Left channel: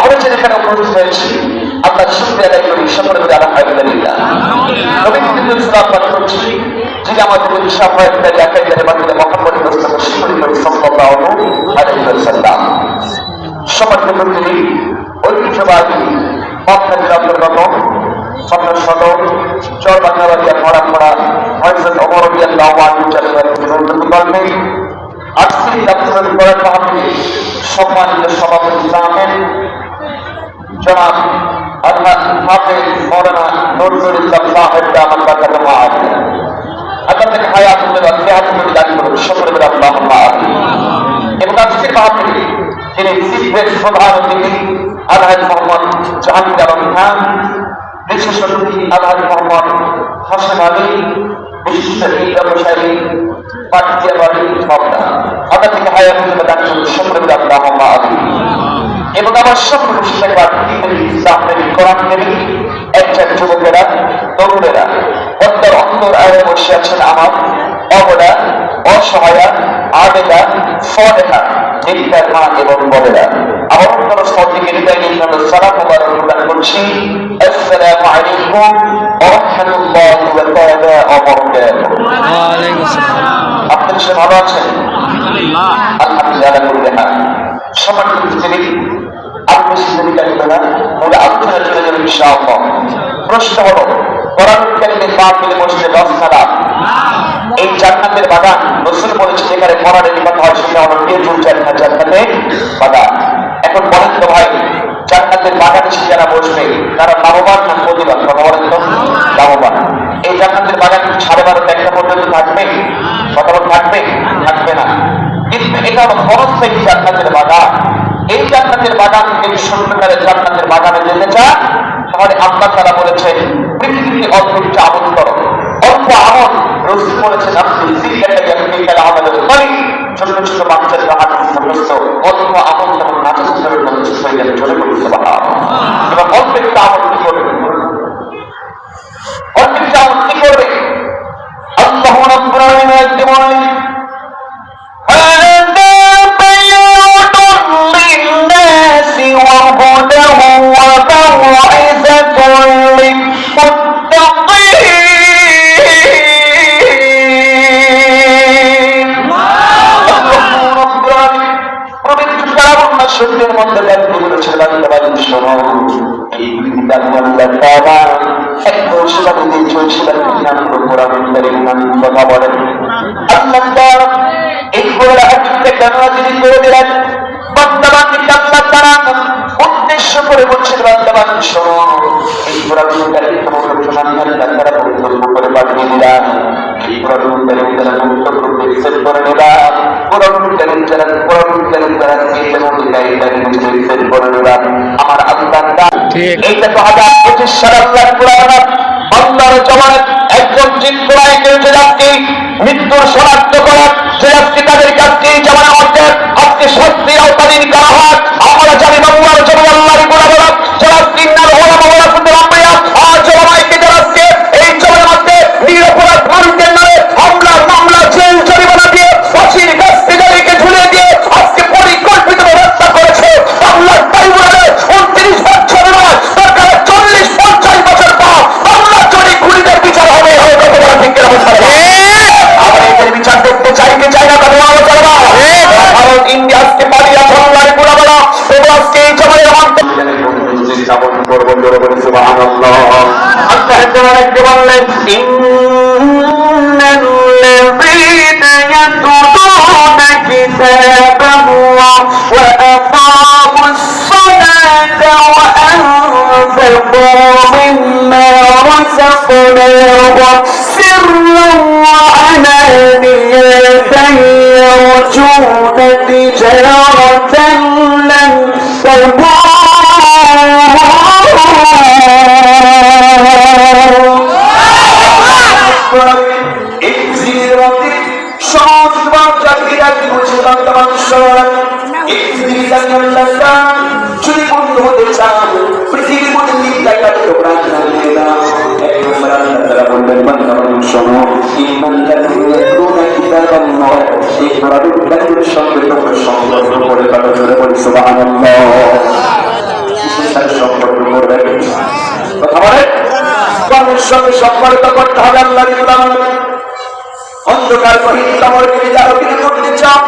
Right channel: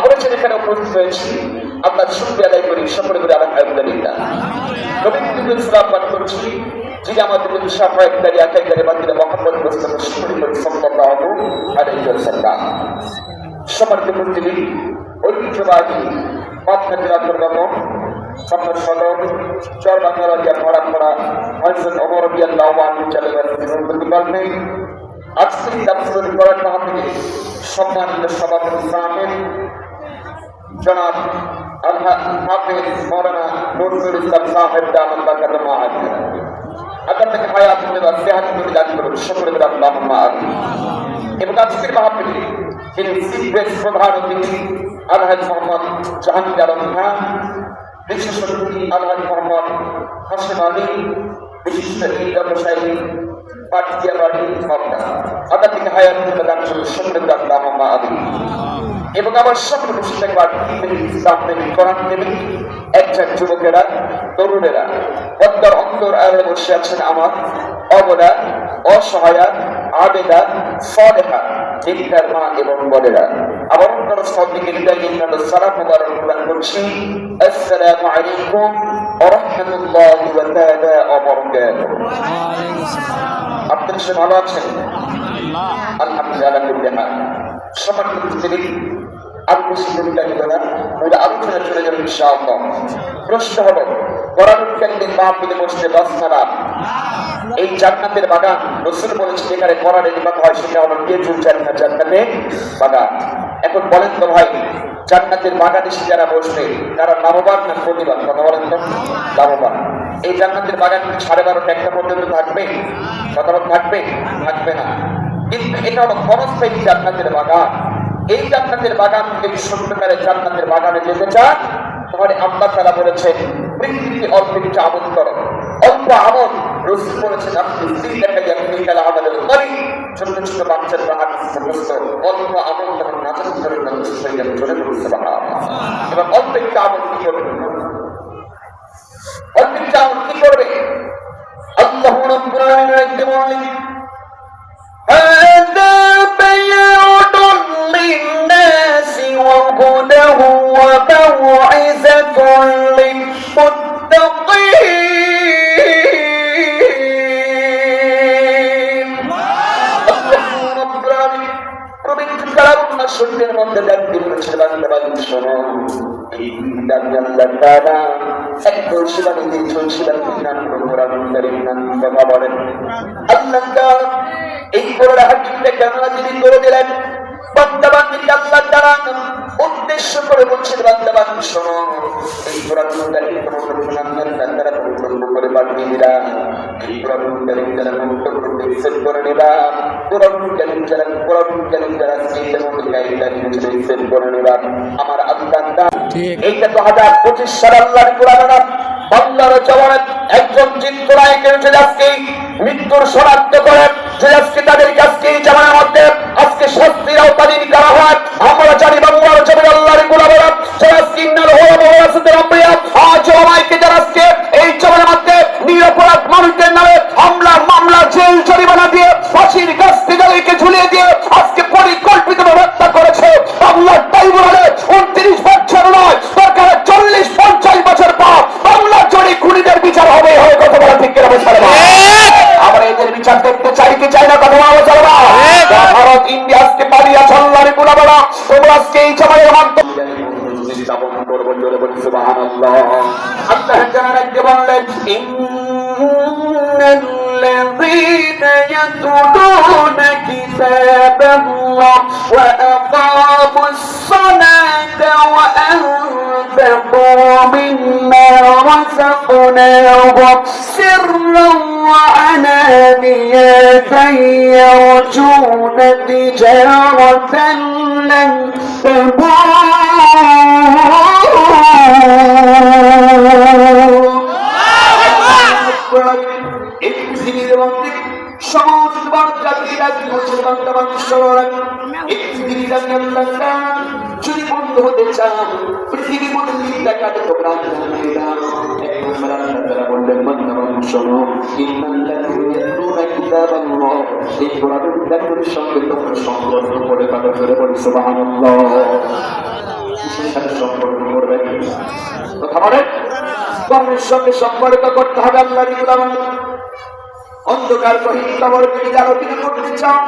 আমরা যেখানে উপস্থিত হয়েছি আমরা শুক্রিয়া আদায় করি সকলে বলে আলহামদুলিল্লাহ। নবী করিম সাল্লাল্লাহু আলাইহি ওয়াসাল্লাম যিনি আমাদের বিষয় দেখাইতে বাতিলে মুহাম্মদ মুস্তাফা সাল্লাল্লাহু আলাইহি ওয়াসাল্লাম সম্মানিত মুসলিম ঐতিহ্যবাহী মক্কার অন্তর্গত শত চর বাংলাবাড়িয়া পড়া হযরত ওমর রাদিয়াল্লাহু আনহু জান্নাতে আজকে আপনাদের পড়ার মাহফিলে সম্মানিত সভাপতি সাহেব জনাব আল্লাহ হাফেজ মাওলানা নজরুল ইসলাম সাহেব দামাত বারাকাতুহু আলাইহি আপনাদের হায়াতুল সিহাতুল দান করুন সকলে বলে আল্লাহুম্মা আমিন। এবং আজকের মাহফিলে যিনি সিদ্ধের প্রধান অতিথি আলহাজ মোহাম্মদ জাহাঙ্গীর আলম খান, বিশেষ অতিথি আলহাজ মোহাম্মদ হাসান আলী, বিশিষ্ট ব্যবসায়ী পাঠিয়ে বাড়ি পাবনা, আপনাদের হায়াতুল দান করুন সকলে বলে আল্লাহুম্মা আমিন। এবং আমার সকল কোরআন প্রেমী একজন যুবকেরা তরুণেরা অন্তর অন্তর আয়ে বসে আছেন আমার অবলা অসহায়া আবেদা সদেহা নির্দার মা এবং বোনেরা, আমার অন্তর সদিকে সালাম প্রদান করছি। আসসালামু আলাইকুম ওয়া রাহমাতুল্লাহি ওয়া বারাকাতুহু। আপনারা সবাই ভালো আছেন? আলহামদুলিল্লাহ। সম্মানিত মুসলিম আপনি সিদ্ধান্ত মূল আলোচনা চলে যাবে ইনশাআল্লাহ। প্রশ্ন হলো কোরআন কারিমে পাপ মিলে বসলে 10 সালাম এই জান্নাতের বাগান রাসূল বলেছেন যেখানে কোরআনের কথা হয় সেটা হলো নির্জুল জান্নাতের বাগান। এখন বলেন তো ভাই জান্নাতের বাগানে এসে যারা বসবে তারা লাভবান না প্রতিবাদ? কথা বলেন তো। লাভবান। এই জান্নাতের বাগান 12:30 একটা পর্যন্ত থাকবে? কথা বল থাকবে? থাকবে না। কিন্তু এটা হলো বড়স্থায়ী জান্নাতের বাগান। এই জান্নাতের বাগান থেকে সত্যিকারের জান্নাতের বাগানে যেতে চান তাহলে আল্লাহ তাআলা বলেছেন পৃথিবীতে অল্প কিছু আমল করো। অল্প আমল রাসূল বলেছেন আপনি জিজ্ঞাসা করতে আমাদের বলি ছোট ছোট বাচ্চাদের হাতে সমস্ত অল্প আমল যেমন নাচের মধ্যে হয়ে যাবে চলে পড়তে পারা এবং অল্প একটু আমল কি করবে? অল্প একটু আমল কি করবে? আল্লাহ রাব্বুল আলামিন একটি বলেন উদ্দেশ্য করে বলছেন বান্দা শোনো এই কোরআনের করে পাঠিয়ে দিলাম। এই কোরআনের যারা গুরুত্বপূর্ণ সেট করে নিলাম, কোরআনের যারা সেট করে নিলাম আমার আল্লাহ। এইটা তো 2025 সালে আল্লাহর কোরআন বান্দার জমানে একজন জিন কোরআনে কেটে যাচ্ছে মৃত্যুর শনাক্ত করে যে আজকে তাদের কাছে জামানা মধ্যে আজকে শাস্তির আওতাধীন করা হয়। আমরা জানি বাংলার জমি আল্লাহর গোলামেরা যারা সিন্নাল ওলামা ওয়ারাসাতুল আম্বিয়া আজ ওলামায়ে যারা এই জমির মধ্যে নিরপরাধ মানুষদের নামে হামলা মামলা জেল জরিমানা দিয়ে ফাঁসির কাছ থেকে ঝুলিয়ে দিয়ে আজকে পরিকল্পিতভাবে হত্যা করেছে। বাংলার ট্রাইব্যুনালে 29 বছর নয় সরকারের 40-50 বছর পর বাংলার জমি খুনিদের বিচার হবে কতবার ঠিক আমরা এদের বিচার করতে চাই কি চাই না তা বলা যাবে না। ভারত ইন্ডিয়া আজকে পালিয়ে আল্লাহর গোলামেরা তোমরা আজকে এই জমির মাধ্যমে যাপন করবেন জোরে বলি সুবহানাল্লাহ। আল্লাহ তাআলা বললেন ইন্নাল্লাযীনা ইয়াতুলুনা কিতাবাল্লাহ ওয়া আকামুস সালাতা ওয়া আনফাকু মিম্মা রাযাকনাহুম সিরran ওয়া আলানিয়াতান yarjuna tijaratan lan tabur। সুবহানাল্লাহ। সাথে সম্পর্ক করবে কথা বলে কর্মের সঙ্গে সম্পর্ক করতে হবে। আল্লাহর ইবাদত অন্ধকার কহিত আমার বিদায় করতে চাও